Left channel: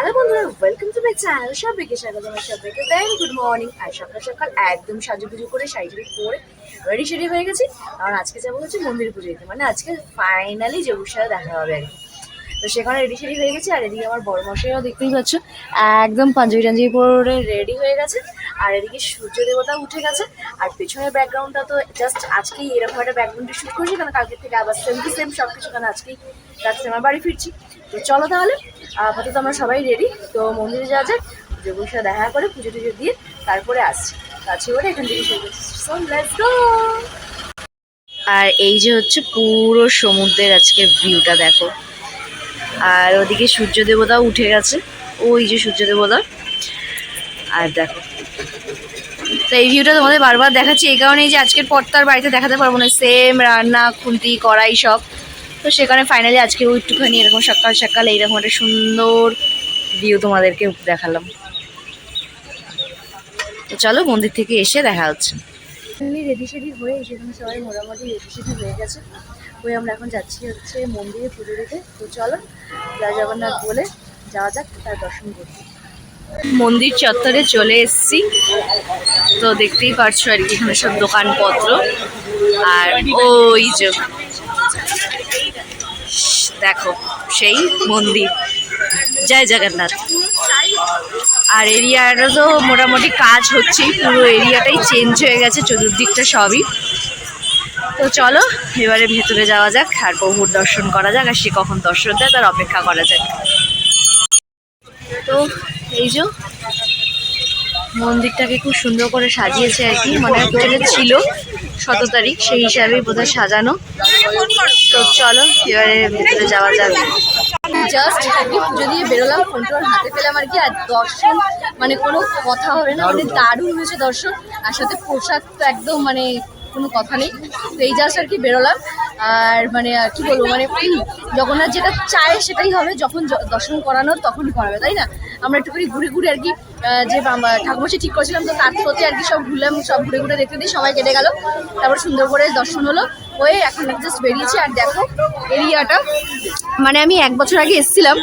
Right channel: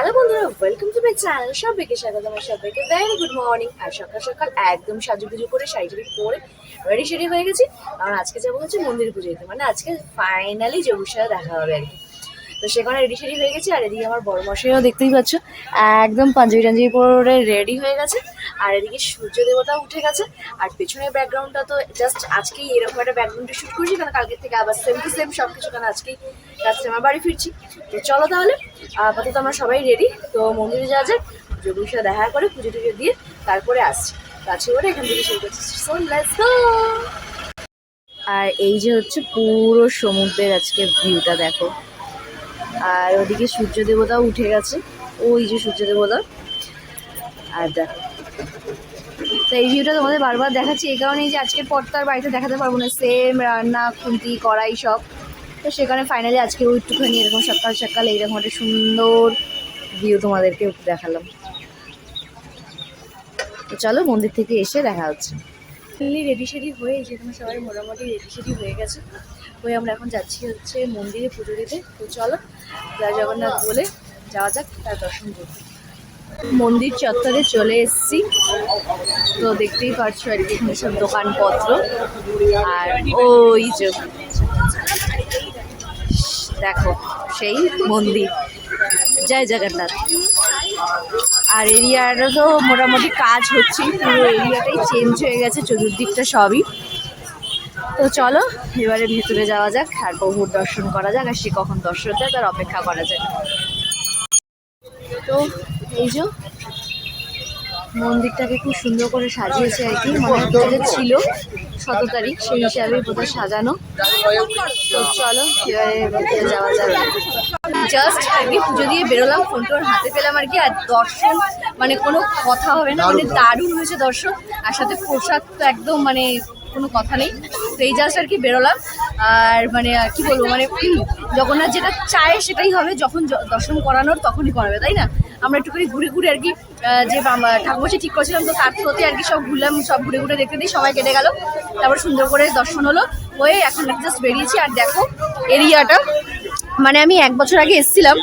Hello বন্ধুরা welcome to my channel সবাইকে স্বাগত, আমার সবাইকে ভেরি গুড মর্নিং আর সকাল সকাল একদম সাজু পুজো করে, শাড়ি করে রেডি সেডি হয়ে গেছি। আর আজকে যাব হচ্ছে মন্দির পুজো মানে আজকে ফাইনালি যে দেখা হবে আর কি। তো সেখানে রেডি সেডি হয়ে গেছে আর এদিকে আমার বড় মশাইও দেখতেই পাচ্ছ একদম পাঞ্জাবি টাঞ্জাবি পরে রেডি হয়ে গেছে আর এদিকে সূর্য দেবতা উঠে গেছে আর পেছনের ব্যাকগ্রাউন্ডটা তো জাস্ট আজকেই এরকম একটা ব্যাকগ্রাউন্ডে শুট করছি কারণ কালকের থেকে আবার সেম টু সেম সব কিছু কারণ আজকেই রাত্রে আমার বাড়ি ফিরছি। তো চলো তাহলে আপাতত আমরা সবাই রেডি তো মন্দিরে যাওয়া যাক যোগের সাথে দেখা করে পুজো টুজো দিয়ে তারপরে আসছি। কাছে করে এখান থেকে শুরু করছি So, let's go! আর এই যে হচ্ছে পুরো সমুদ্রের আজকে ভিউটা দেখো। আর ওদিকে সূর্য দেবতা উঠে গেছে। ওই যে সূর্য দেবতা। আর দেখো। তো এই ভিউটা তোমাদের বারবার দেখাচ্ছি, এই কারণে যে আজকের পর তার বাড়িতে দেখাতে পারব না। সেম রান্না, খুন্তি, কড়াই সব। তো সেখানে ফাইনালি আজকে একটুখানি এরকম সকাল সকাল এইরকম একটা সুন্দর ভিউ তোমাদেরকে দেখালাম। তো চলো মন্দির থেকে এসে দেখা হচ্ছে। রেডি সেডি হয়ে যেখানে সবাই মোটামুটি রেডি সেডি হয়ে গেছে। ওই আমরা এখন যাচ্ছি হচ্ছে মন্দিরে পুজো দিতে। তো চলো, জয় জগন্নাথ বলে যাওয়া যাক, তার দর্শন করতে। মন্দির চত্বরে চলে এসছি। তো দেখতেই পারছ আর কি, এখানে সব দোকানপত্র। আর ওই যে, দেখো, সেই মন্দির। জয় জগন্নাথ। আর এরিয়াটা তো মোটামুটি কাজ হচ্ছেই, পুরো এরিয়াটাই চেঞ্জ হয়ে গেছে, চতুর্দিকটা সবই। তো চলো, এবারে ভেতরে যাওয়া যাক, আর প্রভুর দর্শন করা যাক, আর সে কখন দর্শন দেয়, তার অপেক্ষা করা যাক। তো এই যে মন্দিরটাকে খুব সুন্দর করে সাজিয়েছে আর কি মানে যেটা ছিল শত তারিখ, সেই হিসাবে বোধহয় সাজানো। তো চলো, এবারে ভেতরে যাওয়া যাবে জাস্ট আগে পুজো দিয়ে বেরোলাম ফোনটা ওর হাতে পেলাম আর কি, আর দর্শন মানে কোনো কথা হবে না মানে দারুণ হয়েছে দর্শন, আর সাথে প্রসাদ তো একদম মানে কোনো কথা নেই, তো এই জাস্ট আর কি বেরোলাম, আর মানে আর কি বলব মানে জগন্নাথ যেটা চায় সেটাই হবে, যখন দর্শন করানোর তখনই করাবে, তাই না? আমরা একটুখানি ঘুরে ঘুরে আর কি যে ঠাকুর ঠিক করেছিলাম, তো তার থ্রোতে আর কি সব ঘুরলাম, সব ঘুরে ঘুরে দেখতে দিই সবাই কেটে গেল, তারপর সুন্দর করে দর্শন হলো, হয়ে এখন জাস্ট বেরিয়েছি, আর দেখো এরিয়াটা মানে আমি এক বছর আগে এসেছিলাম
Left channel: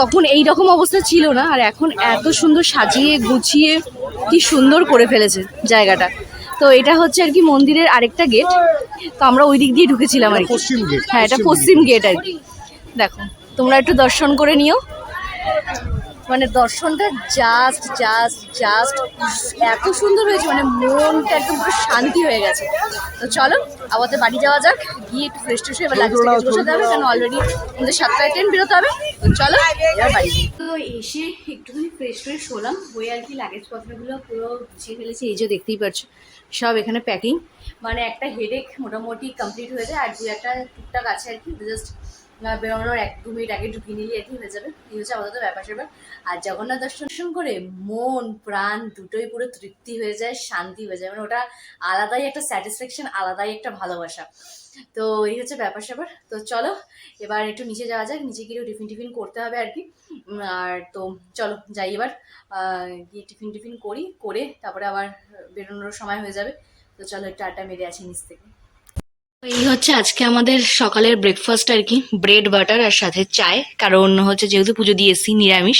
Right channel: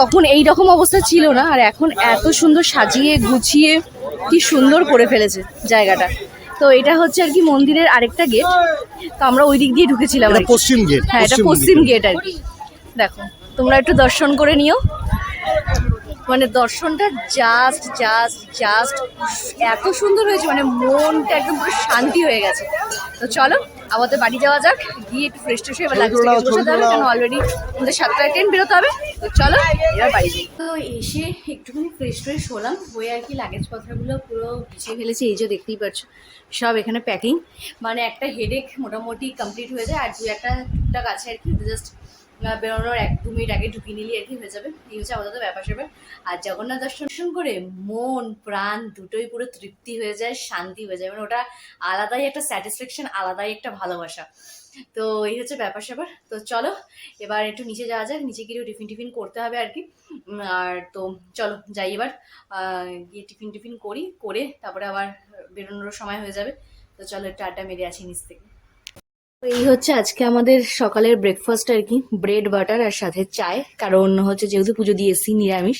তখন এই রকম অবস্থা ছিল না আর এখন এত সুন্দর সাজিয়ে গুছিয়ে কি সুন্দর করে ফেলেছে জায়গাটা। তো এটা হচ্ছে আর কি মন্দিরের আরেকটা গেট তো আমরা ওই দিক দিয়ে ঢুকেছিলাম। পশ্চিম গেট হ্যাঁ এটা পশ্চিম গেট আর কি। দেখো তোমরা একটু দর্শন করে নিও। মানে দর্শনটা জাস্ট জাস্ট জাস্ট এত সুন্দর হয়েছে মানে মনটা একদম পুরো শান্তি হয়ে গেছে। তো চলো আমাদের বাড়ি যাওয়া যাক গিয়ে একটু ফ্রেশ ট্রেশ হয়ে এবার লাগছে। কারণ অলরেডি আমাদের সাতটায় ট্রেন বেরোতে হবে? তো চলো বাড়ি তো এসে একটুখানি ফ্রেশ ফ্রেশ হলাম হয়ে আর কি লাগেজ পত্রগুলো পুরো গুছিয়ে ফেলেছে এই যে দেখতেই পাচ্ছ সব এখানে প্যাকিং মানে একটা হেডেক মোটামুটি কমপ্লিট হয়ে যায় আর দু একটা আছে আর কি জাস্ট বেরোনোর এক দু মিনিট আগে ঢুকিয়ে নিলে আর কি হয়ে যাবে। এই হচ্ছে আপাতত ব্যাপার স্যাপার আর জগন্নাথ দর্শন করে মন, প্রাণ দুটোই পুরো তৃপ্তি হয়ে যায়, শান্তি হয়ে যায়। মানে ওটা আলাদাই একটা স্যাটিসফ্যাকশন আলাদাই একটা ভালোবাসা। তো এই হচ্ছে ব্যাপার স্যাপার তো চলো, এবার একটু নিচে যাওয়া যাক, নিচে গিয়ে টিফিন টিফিন করতে হবে আর কি। আর তো চলো, যাই এবার। গিয়ে টিফিন টিফিন করি, করে তারপরে আবার বেরোনোর সময় হয়ে যাবে। তো চলো আটা মেরে আসি নিচ থেকে। এই হচ্ছে আজকে আমাদের সকালের ব্রেকফাস্ট আর কি ব্রেড বাটার আর সাথে চায়। কারণ হচ্ছে যেহেতু পুজো দিয়েছি, নিরামিষ,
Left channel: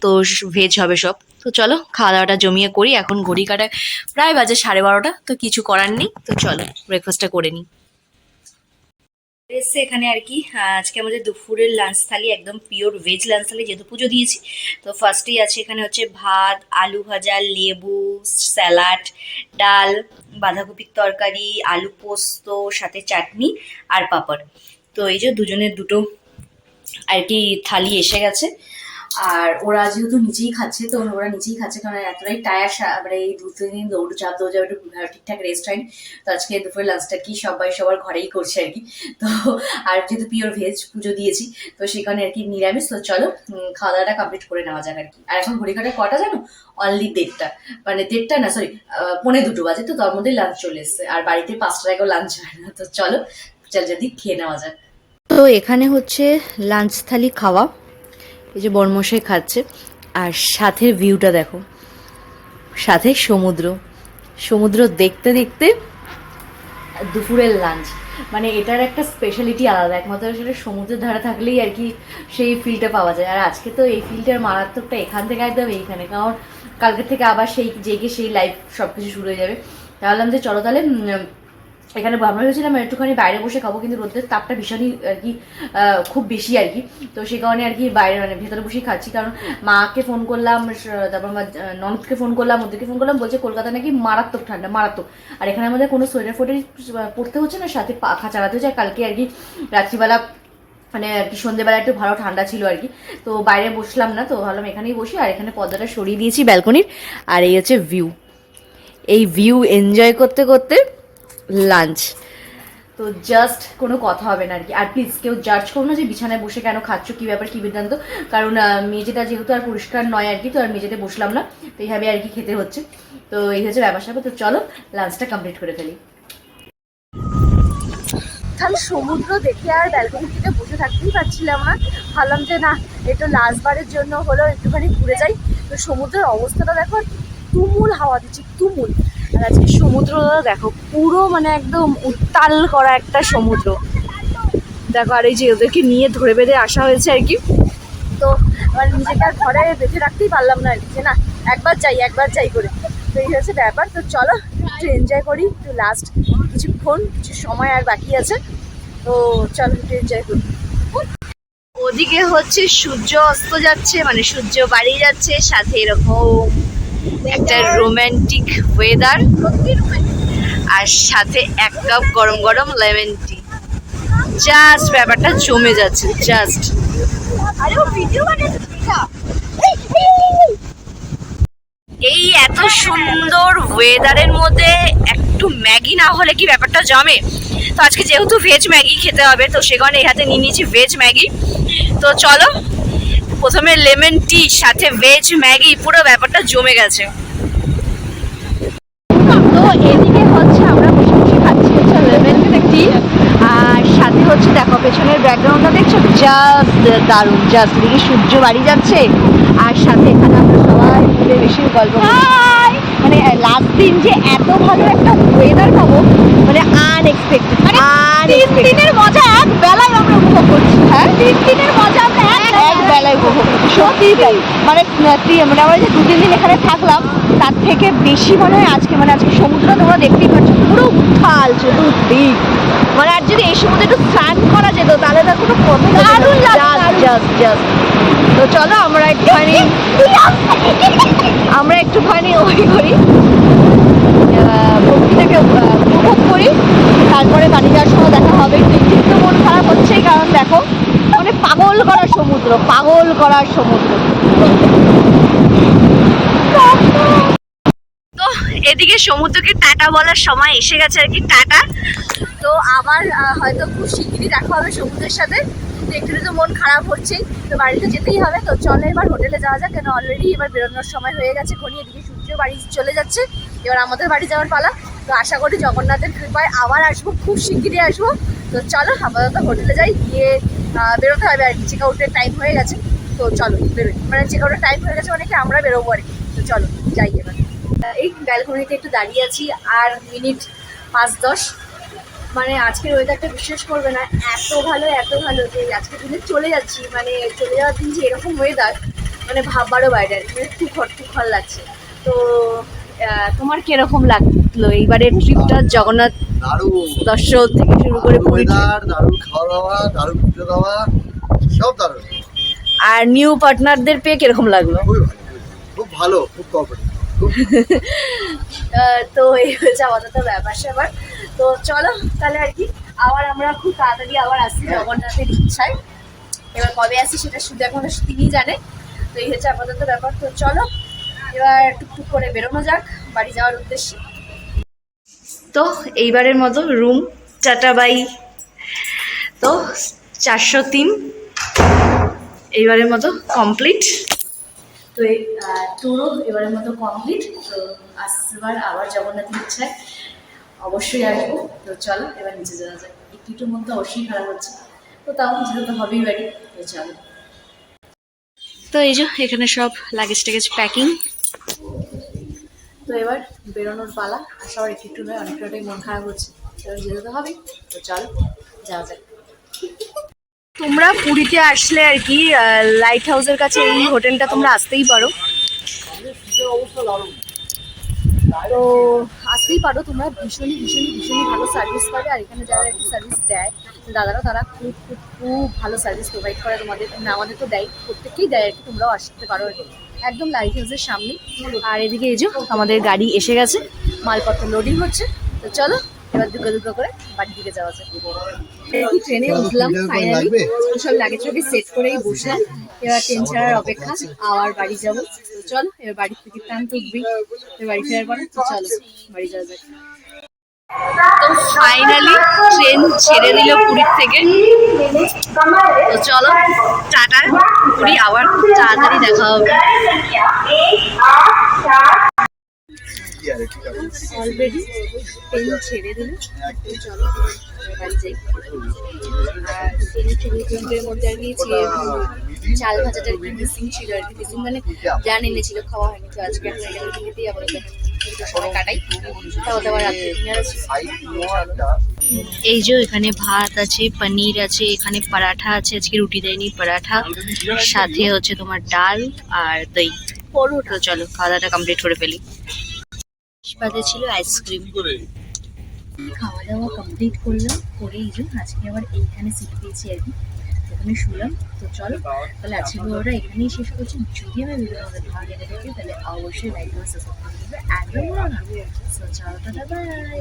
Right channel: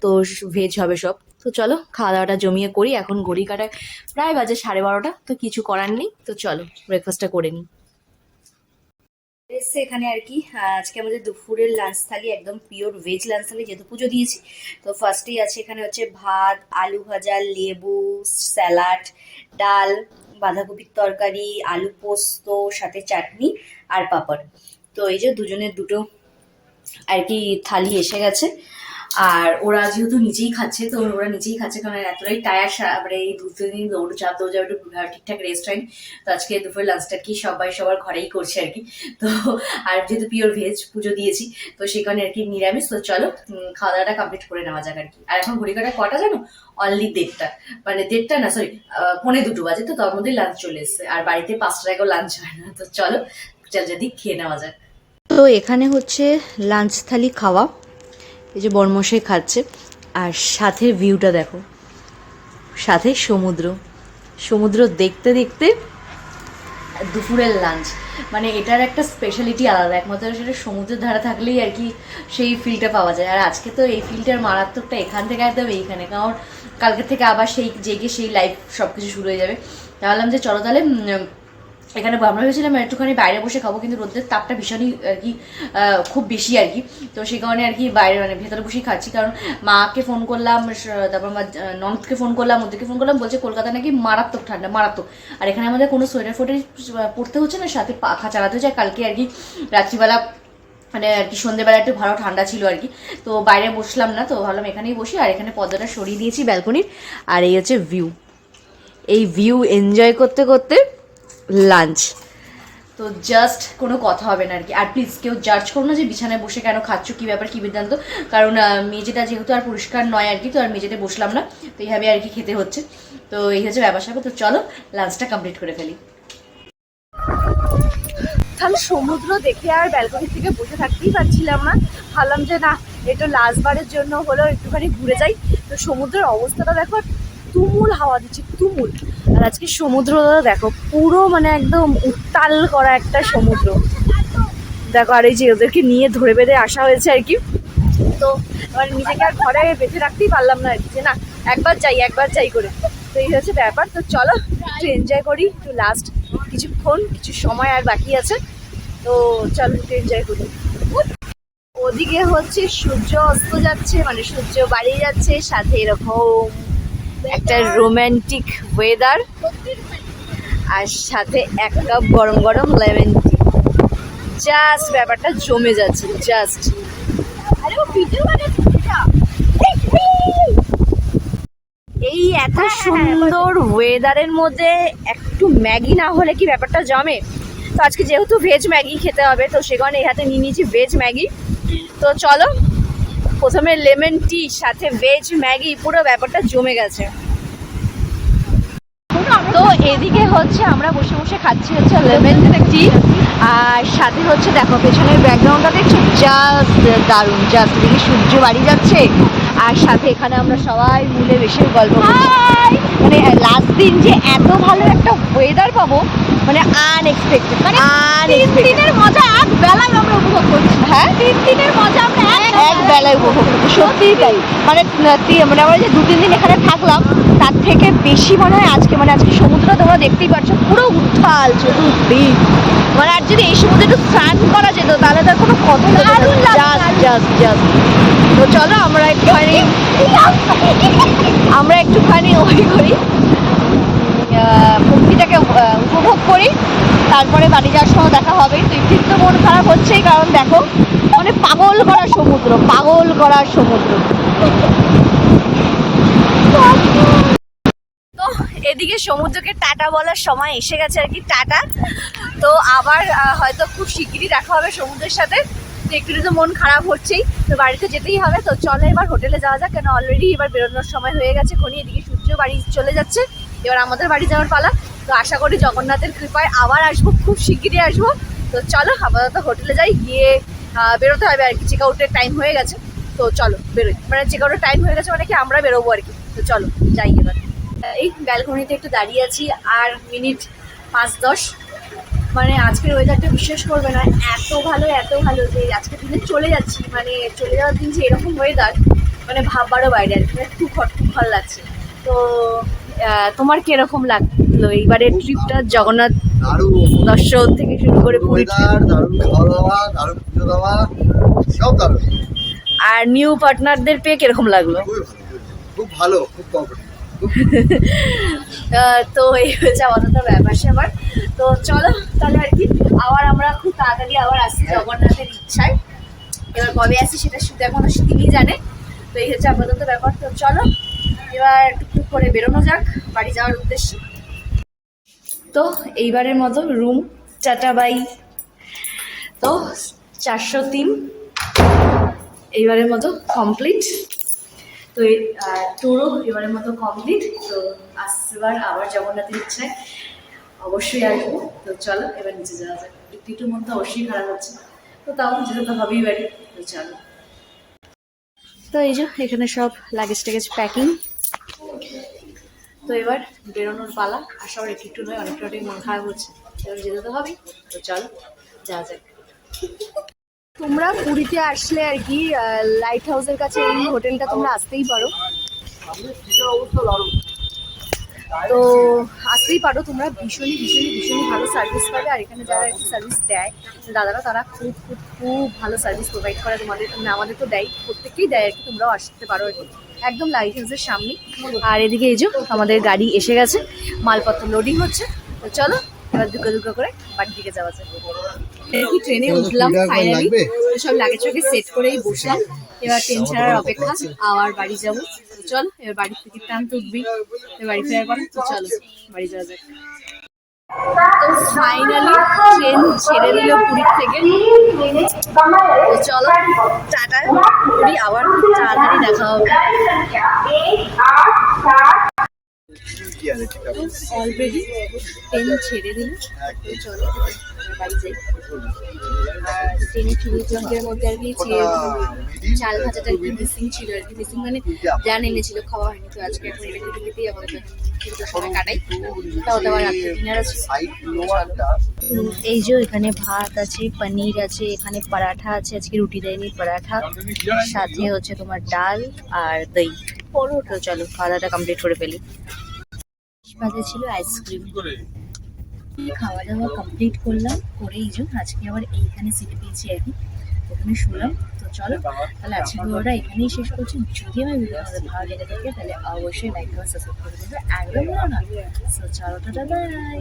তো ভেজ হবে সব। তো চলো খাওয়া দাওয়াটা জমিয়ে করি। এখন ঘড়ি কাটায় প্রায় বাজে সাড়ে বারোটা, তো কিছু করার নেই। তো চলো ব্রেকফাস্টটা করে নিই। এসছে এখানে আর কি। আজকে আমাদের দুপুরের লাঞ্চ থালি, একদম পিওর ভেজ লাঞ্চ থালি যেহেতু পুজো দিয়েছি। তো ফার্স্টেই আছে এখানে হচ্ছে ভাত, আলু ভাজা, লেবু স্যালাড ডাল, বাঁধাকপির তরকারি, আলু পোস্ত, সাথে চাটনি আর পাপড়। তো এই যে দুজনের দুটো আর কি থালি এসে গেছে। আর ওরা যেহেতু নিজেই খাচ্ছে, তো ওরা নিজেই খাচ্ছে কারণ এতটাই টায়ার মানে এই দু, তিন দিন দৌড় চাপ দৌড় যাবে একটু ঠিকঠাক রেস্ট হয়নি তো আজকে দুপুরে লাঞ্চটা কি সবাই সবার ঘরেই করছে আর কি। তো আর যেহেতু পিওর ভেজ পুজো দিয়েছি, তো সেখানে আর কি নিরামিষ। তো চলো খাওয়া দাওয়াটা কমপ্লিট করে নেওয়া যাক আর কি। আর এখন ঘড়ি কাটায় কটা জানো? অনলি দেড়টা। মানে দেড়টা না সরি পৌনে দুটো বাজে, তো তার মধ্যে লাঞ্চ চলে এসছে। আর বাড়িতে পাঁচটা টাকাও লাঞ্চ হয় না। তো চলো, চল যদি খেয়ে নেওয়া যাক। তো এখানে হচ্ছে লাঞ্চ থালি খাওয়া। এই যে বর্মশাই খাচ্ছে, আর সাথে ভিউটা দেখো। সাথে সমুদ্র। সমুদ্র দেখতে দেখতে দুপুরের লাঞ্চ মানে এটার একটা স্পেশালিটি আলাদা, একমাত্র সেটা সমুদ্রের ধারা থাকলেই আর কি সেই ফিলটা পাওয়া যায়। আর আজকে তো এই ফিলটার মারাত্মকটা এখান থেকে একদম এইখানে, কারণ কালকে থেকে আবার সেই জেগে সেই লাইফ সব কিছু শুরু হয়ে যাবে। তাহলে যে চলো তাহলে এখানে আমরা ভেবেছিলাম একটুখানি বাইরে বসে খাব, কিন্তু রোদের তাপটা ভীষণই আর কি খুব বেশি আর কি। তো সেই কারণে আর কি বাইরে মানে ভেতরে বসেই খাচ্ছি। কারণ মাকে ফোন করলাম তারপর আমার ননদকে ফোন করলাম ওদেরকে ফোন করলাম, বলছে কলকাতা নাকি মারাত্মক ঠান্ডা, মারাত্মক। আর এখানে আমাদের কোনো সোয়েটার ফোয়েটার পড়তে হচ্ছে না, সাথে পাখা চালাতে হচ্ছে। কালকে আর কি রাত্রিবেলা মানে আর কি সন্ধ্যেবেলা একটু ভালো ঠান্ডা ছিল আর কি। তো বাইরে বসলাম না, তো ভাবলাম এখানেই বসি, আর এখানে পর্দাটা সরিয়ে দিয়েছি ব্যালকনির। আর এই হচ্ছে ভিউ এই ভিউ এনজয় করতে করতে লাঞ্চ তো জাস্ট কোনো কথা হবে না আর কি। আর প্লিজ কেউ জাজ করো না যে বিছানায় বসে কেন খাচ্ছ কী ব্যাপার কী বৃত্তান্ত কারণ মেঝেটা যেহেতু আর পরিষ্কার নয় আর কি তো আর মেঝেতে বসলাম না। তো এইভাবে আর কি খেতে হচ্ছে। তো এই হচ্ছে ব্যাপার স্যাপার। তো চলো লাঞ্চটা কমপ্লিট করে ফেলি। খালি সমুদ্র দেখে আর ব্যালকনি থেকে বসে থাকতেই পারছিলাম না। ভাবলাম যে না একটু লাস্টবারের জন্য হলো একটুখানি ঘুরে যাই। তো সমুদ্রের অবস্থাটা দেখো তুমুল হাওয়া দিচ্ছে, তুমুল। আর আজকে সমুদ্র, দেখো, পুরো মানে একদম উত্তাল করা একটা সমুদ্র। দেখো, আর এই যে ওদেরকে নিয়ে ধরে বেঁধে আসা হয়েছে আর কি। তো এবার নিজেকে আর ঘরে বেঁধে রাখতেই পারলাম না আর না, একবার যাই একবার যাই করে। তো এই হচ্ছে ব্যাপার। তো চলো, একটু এনজয় করি, একটু লাস্ট কিছুক্ষণ, কিছু সময় আর বাকি আছে। তো চলো, একটু এনজয় করি। ওদিকে হচ্ছে সূর্য অস্ত যাচ্ছে মানে সূর্য বাড়িয়ে যাচ্ছে, সাথে এরকম একটা রোম্যান্টিক ওয়েদার আর সাথে এক কাপ গরম গরম লেমন টি জাস্ট ব্যাপারটা জমে যাচ্ছে জাস্ট এই এত সুন্দর ওয়েদারের মধ্যে একটু ম্যাগি না হলে কি ব্যাপারটা জমে? তো আজকে যেহেতু ভেজ ম্যাগি খেতে হবে, তো সে কারণে এই হাতে নিয়ে নিয়েছি ভেজ ম্যাগি। তো চলো প্রথমে লেমন টি সাথে ভেজ ম্যাগি পুরো ব্যাপারটা জমে গেছে। তো এদিকে হচ্ছে আমরা বসে বসে খাচ্ছি হচ্ছে লেমন টি আর সাথে হচ্ছে দেখো পেছনের ব্যাকগ্রাউন্ডটা দেখছ? জাস্ট দারুণ জাস্ট এদিকে সূর্য বাড়ি যাচ্ছে। আর সাথে এখানে আমরা সবাই মিলে বেশি গল্প করছি মানে লাস্ট দিন যে এত ভালো একটা ওয়েদার পাবো মানে আনএক্সপেক্টেড আনএক্সপেক্টেড দিনের মজা এক বেলায় আমরা উপভোগ করছি। হ্যাঁ? তিন দিনের মজা আমরা এক এক বেলায় উপভোগ করছি সত্যিই তাই। মানে মানে আমরা যে দু তিন দিন এখানে থাকলাম তার থেকে বেশি মনে হয় আজকে মানে আজকে সমুদ্র তোমরা দেখতেই পাচ্ছ পুরো উত্থাল চতুর্দিক মানে আর যদি এই সমুদ্রে একটু স্নান করা যেত তাহলে তার কোনো কথা জাস্ট জাস্ট জাস্ট তো চলো আমরা একটুখানি আমরা একটুখানি ওই করি। আহ, উপভোগ করি। তারপরে বাড়ি যাওয়ার সময় দেখা হবে। একটু তো মন খারাপ হচ্ছেই কারণ দেখো মানে পাগল করা সমুদ্র পাগল করা সমুদ্র। তো এদিকে সমুদ্রকে টাটা বলার সময় এসে গেছে আর কি টাটা। তো আবার হয়তো খুব শিগগিরই দেখা হবে সমুদ্রের সাথে। তো একটু তো মন খারাপ হচ্ছেই, তো বাড়িতে যেতেই হবে। তো চলো এবার হোটেলে যাওয়া যাক, কেন অলরেডি এবার বেরোনোর সময় হয়ে গেছে। খনি এদিকে সূর্য বাড়ি চলে যাচ্ছে। এবার আমাদের বাড়ি যাওয়ার পালা। তো আশা করি জগন্নাথের কৃপায় আবার আসব, খুব শিগগিরই আসব। তো চলো, আপাতত হোটেলে যাই, গিয়ে বেরোতে হবে। আর কি চেক আউটের টাইম হয়ে গেছে। তো চলো, বেরোই। মানে চেক আউটের টাইম হয়ে গেছে মানে কি আমরা বেরোবো আর কি। তো চলো, যাই এবার। এই ব্যালকনিতে একটু দাঁড়িয়ে আছি। আর মিনিট পাঁচ দশ। মানে আজকের ওয়েদারটা বিশ্বাস করবে না এত ভালো এত ভালো। যে আজকে দিনে চলে যাচ্ছি মানে চলে যাওয়ার দিন যে এরকম ওয়েদার মানে ভাববারও বাইরে আর কি মানে খুব খুব ভালো লাগছে। তো তোমার কীরকম লাগল এইবারের ট্রিপটা জগন্নাথ দারুণ। দর্শন থেকে শুরু করে ওয়েদার দারুণ খাওয়া দাওয়া দারুণ পুজো দেওয়া সব দারুণ। আর নিউ পার্টনারদের পেয়ে কীরকম লাগল? খুব ভালো খুব কমফোর্টেবল তো এই হচ্ছে আপাতত ব্যাপার স্যাপার তো চলো, তাহলে আর কি, আবার আমরা খুব তাড়াতাড়ি আবার আসছি জগন্নাথের ইচ্ছায়। এবার কবে আসি সেটা শুধু এখন তিনি জানে। তো এই হচ্ছে আপাতত ব্যাপার। তো চলো, এবার টুকটুক করে বেরোনো যাক, বাড়ি যাওয়ার উদ্দেশ্যে। তো এইবারের মতো রুম টাটা বাই তো চারশো তিন। এইবারের মতো কমপ্লিট তো এই টুরও এবারের মতো কমপ্লিট তো আসবার আবার জগন্নাথের ইচ্ছায় অবশ্যই আসব। তো চলো, এবার নিচে যাওয়া যাক। একটু একটু মন তো অবশ্যই খারাপ হচ্ছে তো তাও যেতে তো হবেই বাড়ি। তো চলো। তো এই যে, এখানে সব লাগেজ টাগেজ প্যাকিং তো এবার বেরোনোর পালা। আর সবার একটু নয়, অনেকটা মন খারাপ হচ্ছে। এবার যেতে তো হবেই। তো চলো, যাওয়া যাক। তোমরা পুরীতে আসলে আর কি লাইট হাউসের কাছে এই হোটেলটা তোমরা আসতেই পারো। তো আসতেই পারো তোমরা, ভীষণই ভীষণই ভীষণই ভালো সার্ভিস পাবে। আর এখানে যারা আর কি সার্ভিস দেয়, দাদারা তারা খুব খুব খুব ভালো সার্ভিস প্রোভাইড করে তোমাদের। মানে আমাদের তো দেয়, প্রত্যেককেই দেয় আর কি, তোমরাও আসতে পারো। একদম লাইট হাউসের সামনে। আর এদিকে এই যে, আমাদের গাড়ি এসে গেছে, মালপত্র লোডিং হচ্ছে। তো চলো, এবার দুটো করে বাড়ির দিকে যাওয়া যায় কি ট্রেনে উঠলাম ফাইনালি? সব লাগেজ টাগেজ সেট করেই বসলাম। এবার ট্রেন ছাড়ার অপেক্ষা। আবার বাড়ি যাব। চলো এবার বাড়ি থেকে প্ল্যান তো উঠবেই এবার বাড়ি ফেরার পরে চলো বাড়ি যাওয়া যাক। ফাইনালি ট্রেন ছেড়ে দিল পুরীর থেকে। তো চলো টাটা পুরী আবার খুব তাড়াতাড়ি দেখা হবে। অলরেডি ট্রেন ছেড়ে দিল চলো বাড়ি যাই। আর ট্রেনের চব্বিশ ঘণ্টার মধ্যে আর কি ছেড়ে চাল ভাজাটা আর কি মিসিং ছিল আর কি মিসিং মানে জান এনেছিল খাওয়া হয়নি। তো আজকে এখন আমাদের সময় কাটাই। তাও আবার রাত্রে ডিনার আছে। এই যে এখানে ভাত আছে পনির আছে এখানে পরাঠা আছে আজকে রুটি দেয়নি পরাঠা। সাথে হচ্ছে তোমার ডাল আর দই। তো চলো খাওয়া দাওয়াটা কমপ্লিট করে ফেলি। বাদে ছিল আইসক্রিম। খাওয়া দাওয়া কমপ্লিট করলাম করে এই যে আজকে আবার এইখানে সিট পেয়েছি আর কি। এখানে শুনলাম তো চলো তাহলে আজকে ভিডিওটা এখানেই শেষ করছি। যদি আমি ভিডিও আমাদের ভালো লেগে থাকে তাহলে অবশ্যই লাইক বা সাবস্ক্রাইব করে দেবে। একদম ভালো না। চলো টাটা বাই